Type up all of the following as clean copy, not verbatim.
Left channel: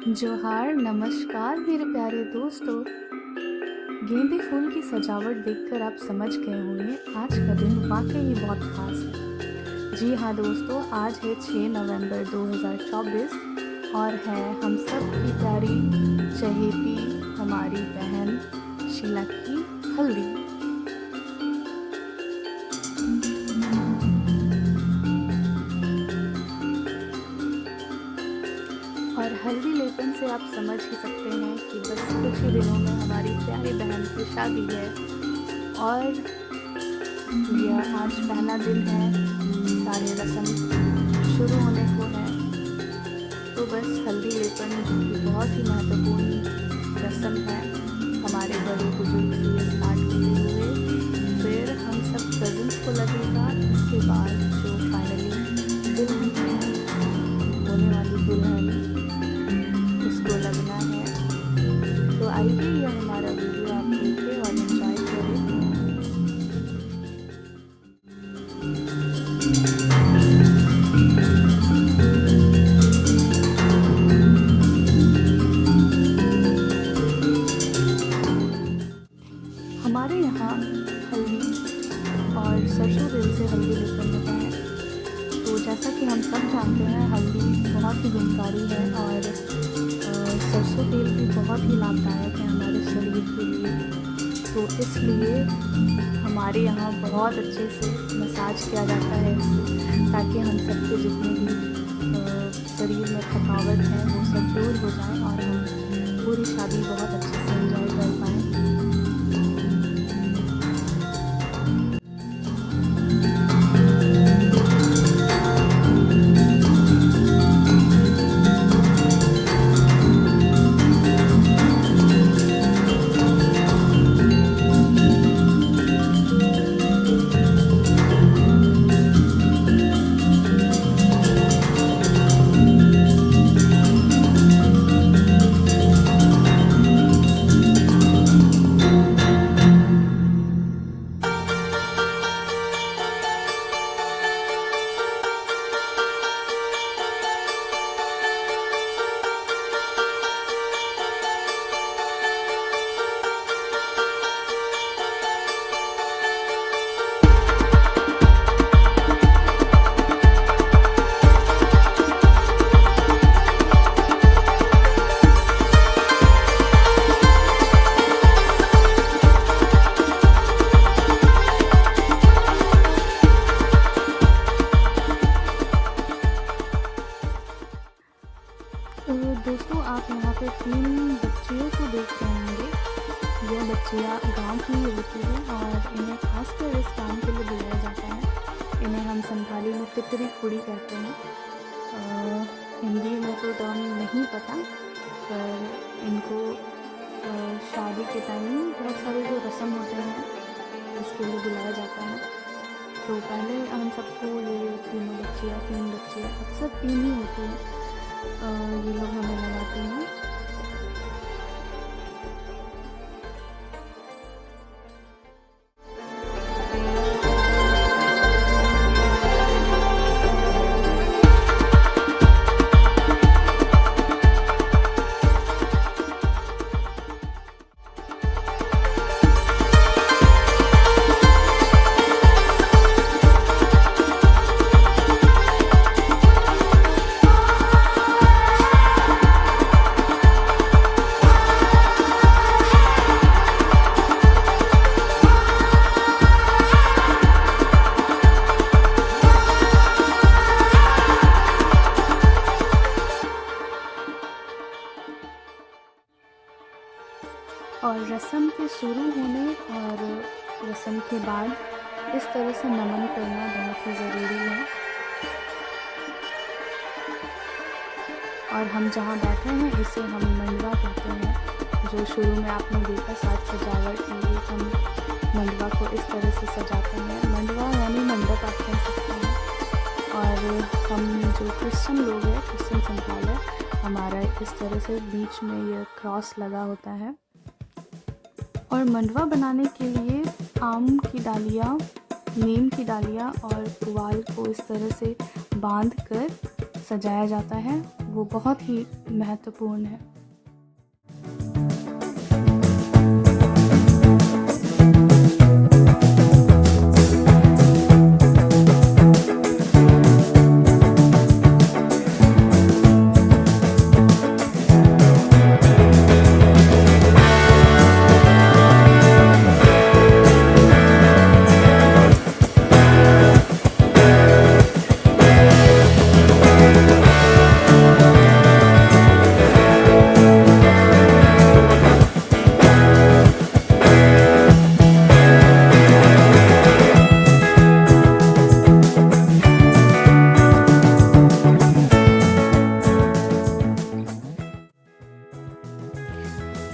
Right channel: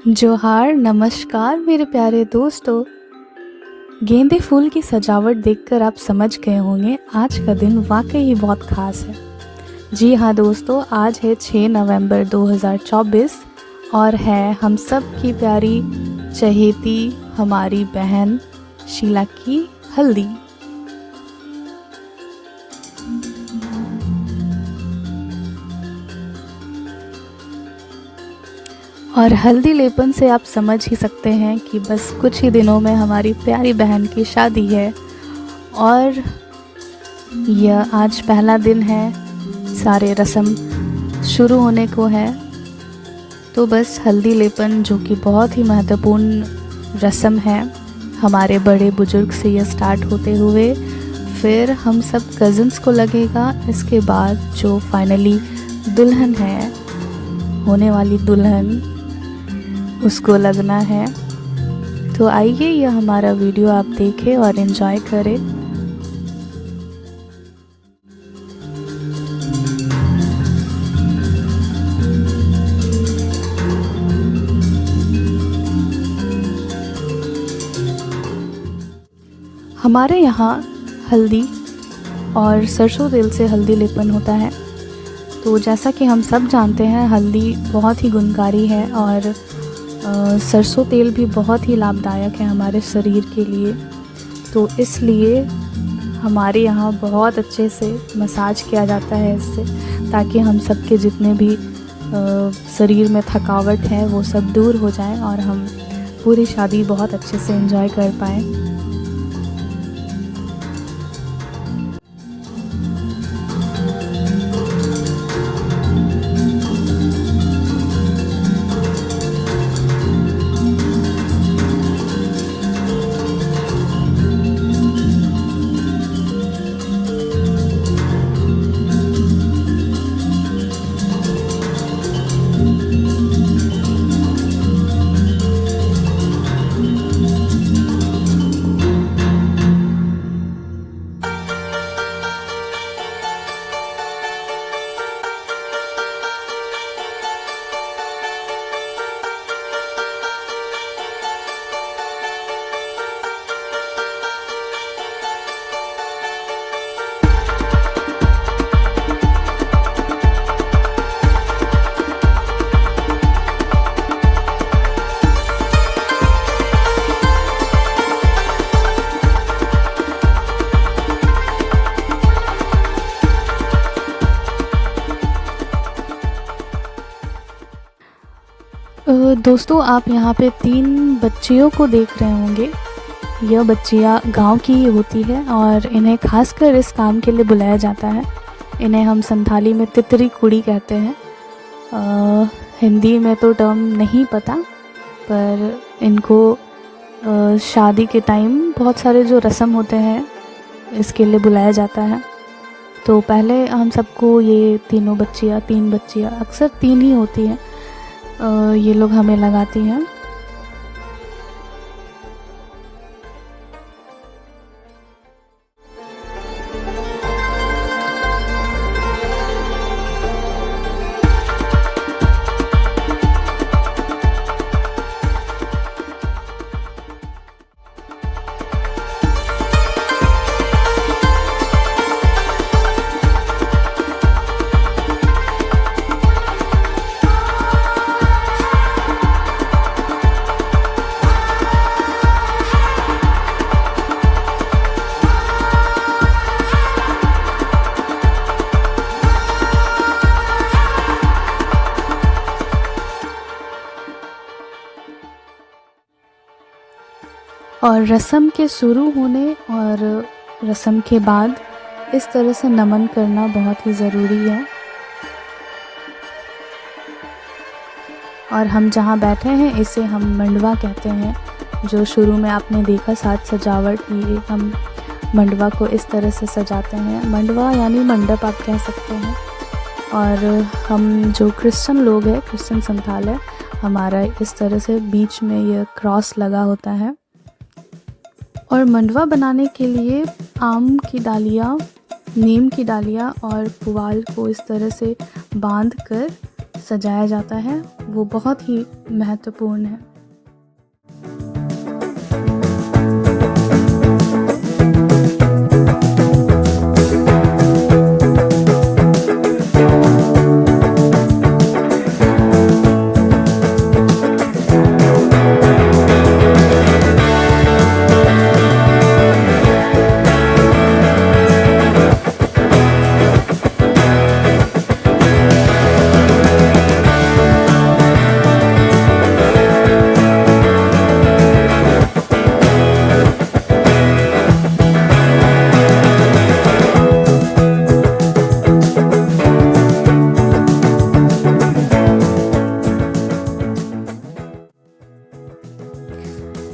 जोहार, नमस्कार मेरे प्यारे दोस्तों। गेंदे फूल की सजावट देखकर आप समझ गए होंगे आज का दिन वाकई ही बहुत खास है। जी हाँ दोस्तों, आज है 6 नवंबर 2024 और है हम सब की प्यारी चहेती हमारी बहन शीला की हल्दी। और हल्दी लेपन से आप समझ ही सकते हैं कि बस कुछ ही दिनों में हमारी प्यारी बहन की शादी है और यह आज पहला दिन है, सारे रस्म शुरू होने को है। तो बस हल्दी लेपन जो कि बहुत ही महत्वपूर्ण रस्म है, हमारे बड़े बुजुर्ग से यह स्टार्ट होते हुए फिर हम सब कज़न्स को लगेगा। इसके बाद जो फाइनली दुल्हन है, होने वाली दुल्हन, उसको लगना है। तो आइए यह हमारा वीडियो आप देखें और एंजॉय करें। हमारे यहाँ हल्दी और सरसों तेल से हल्दी लेपन होता है। तो जैसा कि हम सब जानते हैं, हल्दी बहुत ही गुणकारी है और सरसों तेल भी बहुत ही लाभदायक है हमारे शरीर के लिए। तो इसलिए हमारे यहाँ बहुत अच्छे से मसाज किया जाता है इससे, ताकि हम सबके जितने भी शरीर में थकावट है वो सब दूर हो जाए और हम पूरी शादी बहुत अच्छे से एंजॉय कर पाएँ। दोस्तों, आप यहाँ पे 3 बच्चियों को देख रहे होंगे। यह बच्चियाँ गांव की ही होती है और इन्हें खासकर इस काम के लिए बुलाया जाता है। इन्हें हम संथाली में तितरी कुड़ी कहते हैं। हिंदी में तो टर्म नहीं पता, पर इनको शादी के टाइम बहुत सारे जो रस्म होते हैं इसके लिए बुलाया जाता है। तो पहले हम सबको ये 3 बच्चियाँ अक्सर 3 ही होती हैं, ये लोग हमें लगाती हैं। और रस्म के शुरू होने और रस्म के बाद इस तरह से नमन करना बहुत ही ज़रूरी है। और हम जहाँ बैठे हैं इसे हम मंडवा कहते हैं। जो शुरू में आपने देखा साज सजावट, ये हम मंडवा को इस तरह से सजाते हैं। मंडवा यानी मंडप आप कह सकते हैं। और हम जो क्रिश्चियन लोग हैं, क्रिश्चियन संथाल है, हमारा इस तरह से बीच में ये क्रॉस लगा होता है। और मंडवा बनाने के लिए आम की डालियाँ, नीम की डालियाँ और पुआल को इस तरह से बांध कर सजाया जाता है। वो बहुत ही महत्वपूर्ण है।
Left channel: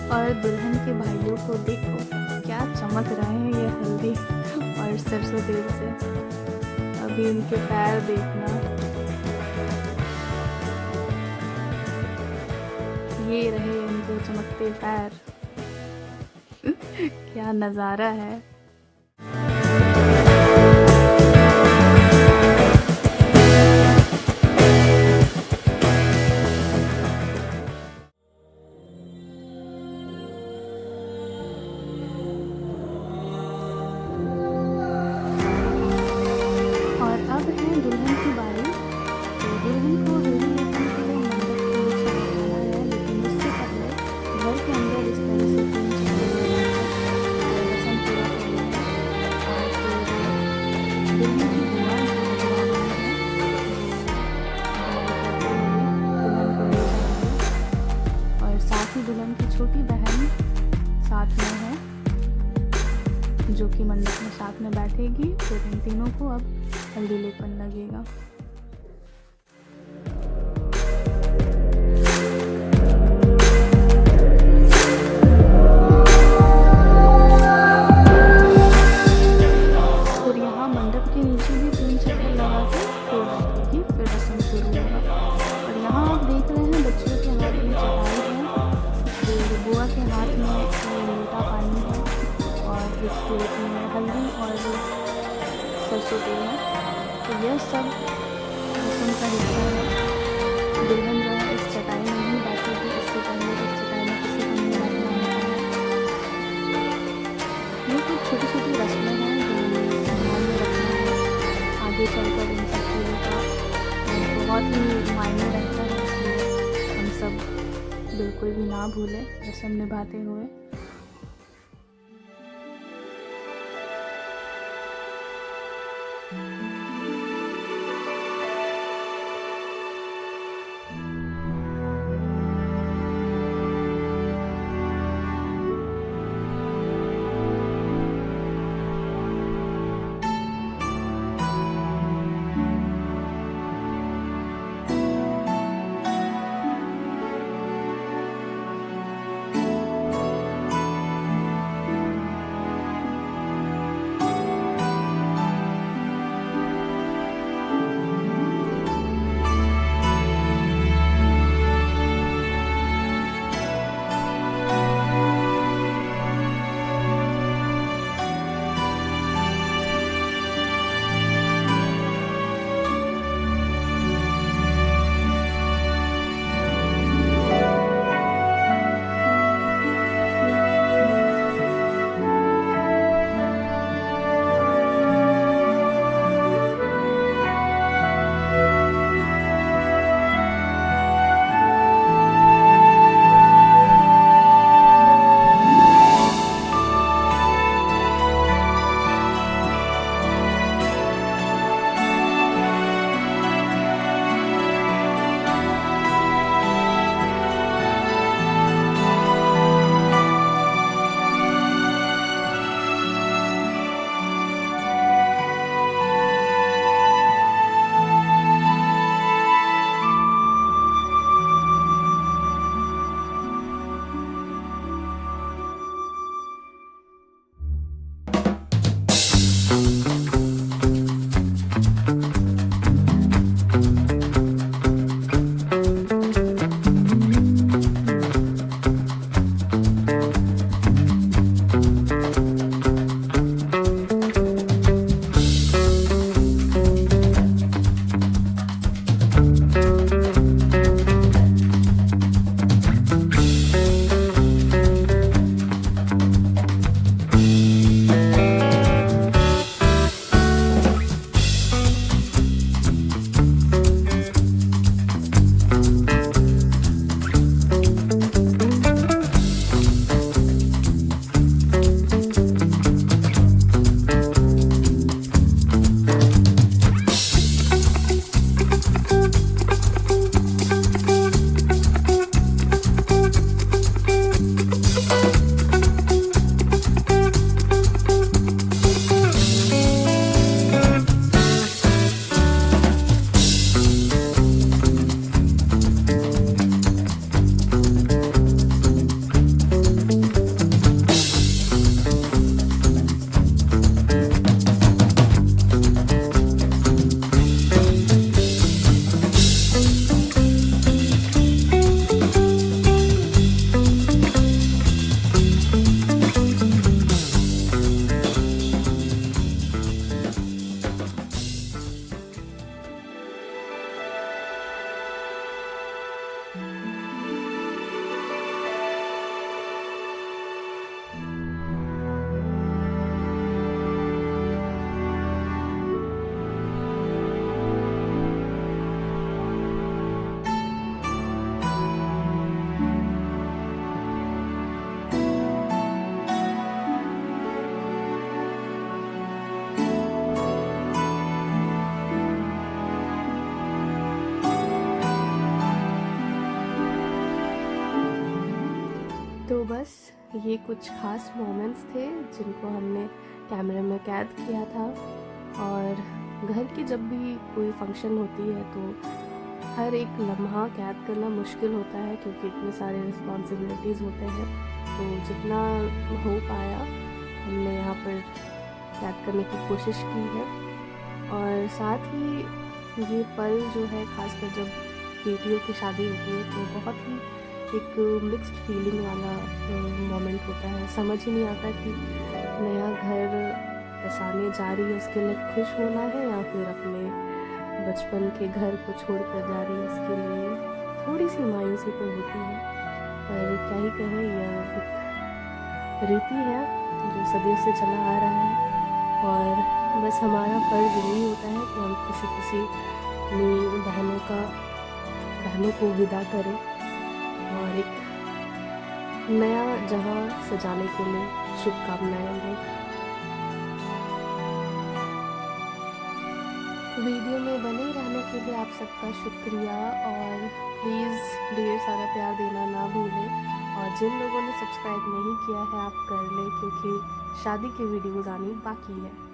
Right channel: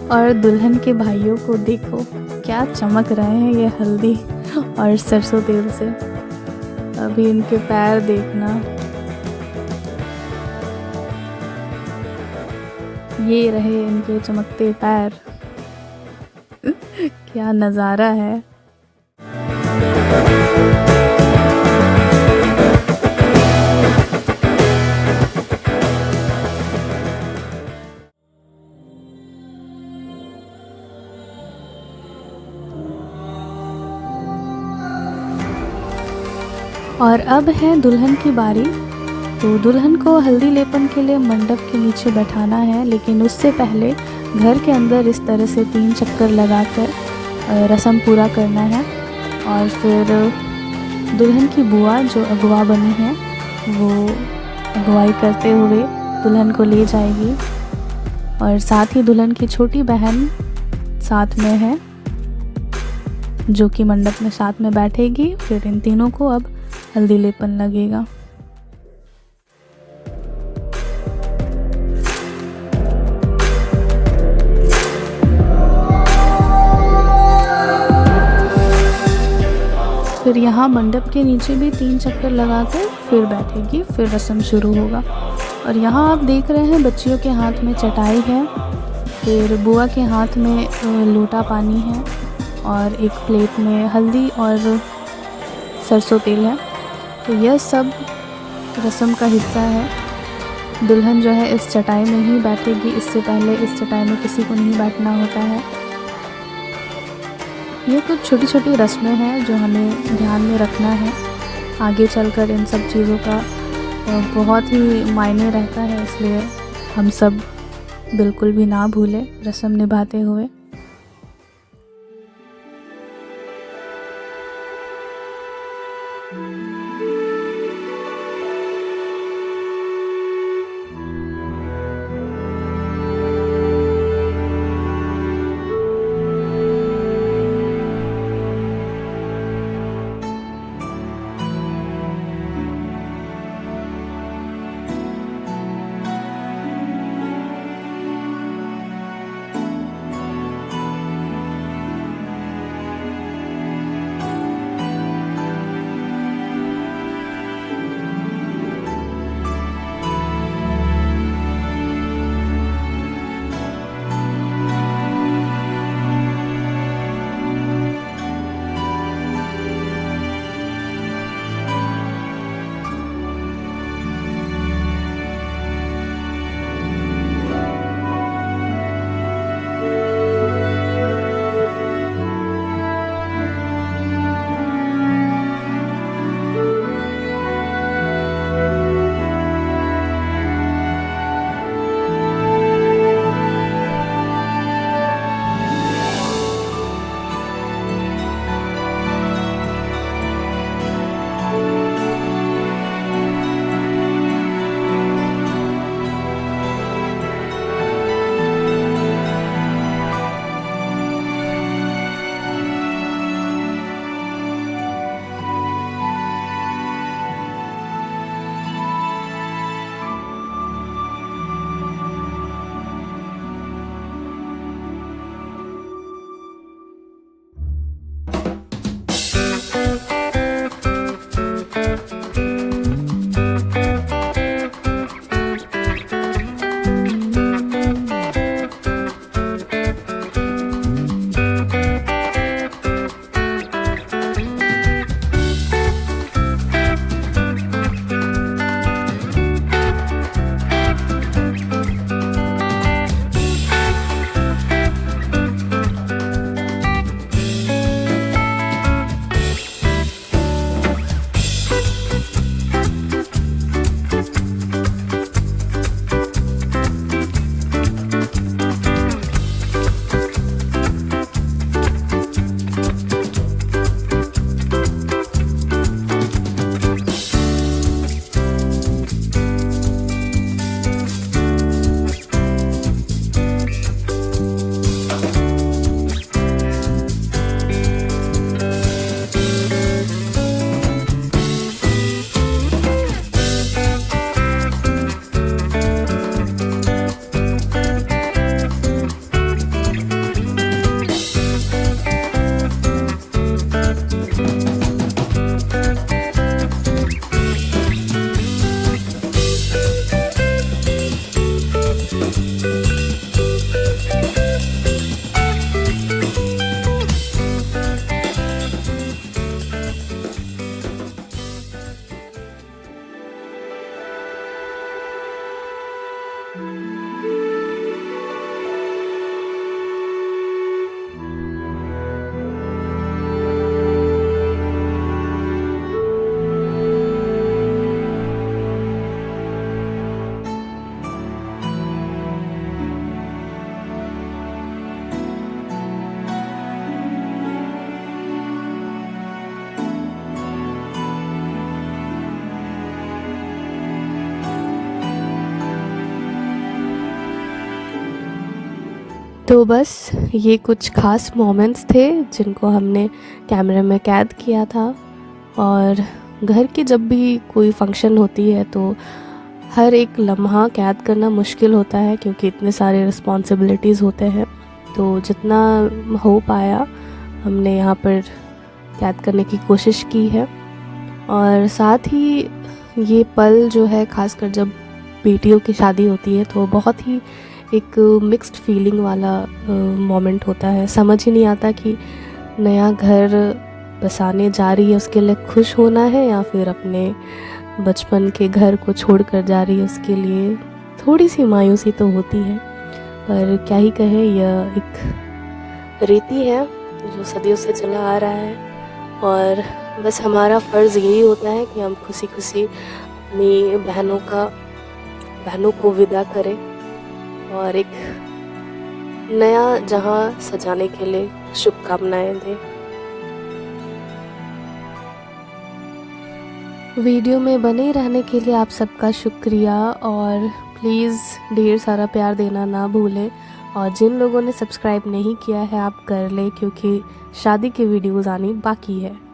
और दुल्हन के भाइयों को देखो, क्या चमक रहे हैं ये हल्दी और सरसों तेल से। अभी इनके पैर देखना, ये रहे इनके चमकते पैर। क्या नज़ारा है। और अब है दुल्हन की बारी। तो दुल्हन को हल्दी लेपन के लिए मंडप के नीचे बैठाना है, लेकिन उससे पहले घर के अंदर इस तरह से 3 चक्कर लगाकर रस्म पूरा करना है। और फिर दुल्हन की बुआ जो अगवा बनी है वो अगवाई करते हुए दुल्हन को ले जाएगी, और साथ ही दुल्हन की छोटी बहन साथ में है जो कि मंडप में साथ में बैठेगी। फिर इन तीनों को अब हल्दी लेपन लगेगा। फिर यहाँ मंडप के नीचे भी 3 चक्कर लगाकर फिर बैठेगी, फिर रस्म शुरू होगा। और यहाँ आप देख रहे हैं बच्चियों के हाथ में चटाई है, फिर बुआ के हाथ में लोटा पानी है, और एक प्लेट में हल्दी और सरसों तेल है। तो यह सब रस्म का हिस्सा है। दुल्हन जो है इस चटाई में ही बैठेगी, इससे पहले इस चटाई में किसी को नहीं बैठना होता है। ये कुछ छोटी छोटी रस्में हैं जो हमें ध्यान में रखना है। आगे चलकर इन सब चीज़ों का बहुत ही मायने रहता है, इसलिए हम सब बिल्कुल भी ना भूलें रस्म निभाते हुए। तो बस ये कुछ ख़ास मोमेंट्स थे जिनको हमने कैमरे में कैद किया था। और घर की जब भी कोई फंक्शन होती है तो हर एक लम्हा कैद करना मुश्किल होता है, क्योंकि इतने सारे रिस्पॉन्सिबिलिटीज़ होते हैं। तो जितना हो पाया हमने यहाँ पर कैद करने की कोशिश की है। और साथ ही ये पल जो है, ख़ासकर जब बेटियों की शादी होती है, तो बहुत ही एक मिक्स्ड फीलिंग वाला मोमेंट होता है। समझ ही नहीं आता कि नया घर बसाने जा रही है उसके लिए खुश होना है, या फिर अपने बचपन के घर को छोड़कर जा रही है उसके लिए थोड़ी सी मायूसी तो होती है। पर क्या ही कहें, यह एक रीति है जो सदियों से चला आ रहा है। और बस हमारा फ़र्ज़ यही होता है कि हम खुशी खुशी अपनी बहनों को विदा करें और एक नया जहां सजाने के लिए शुभकामनाएं दें। वीडियो में बने रहने के लिए आप सबका शुक्रिया, और प्लीज़ ढेर सारा प्यार देना ना भूलें। और जिन लोगों ने सब्सक्राइब नहीं किया है आप कर लें, क्योंकि शादी की वीडियोज़ आनी बाकी है।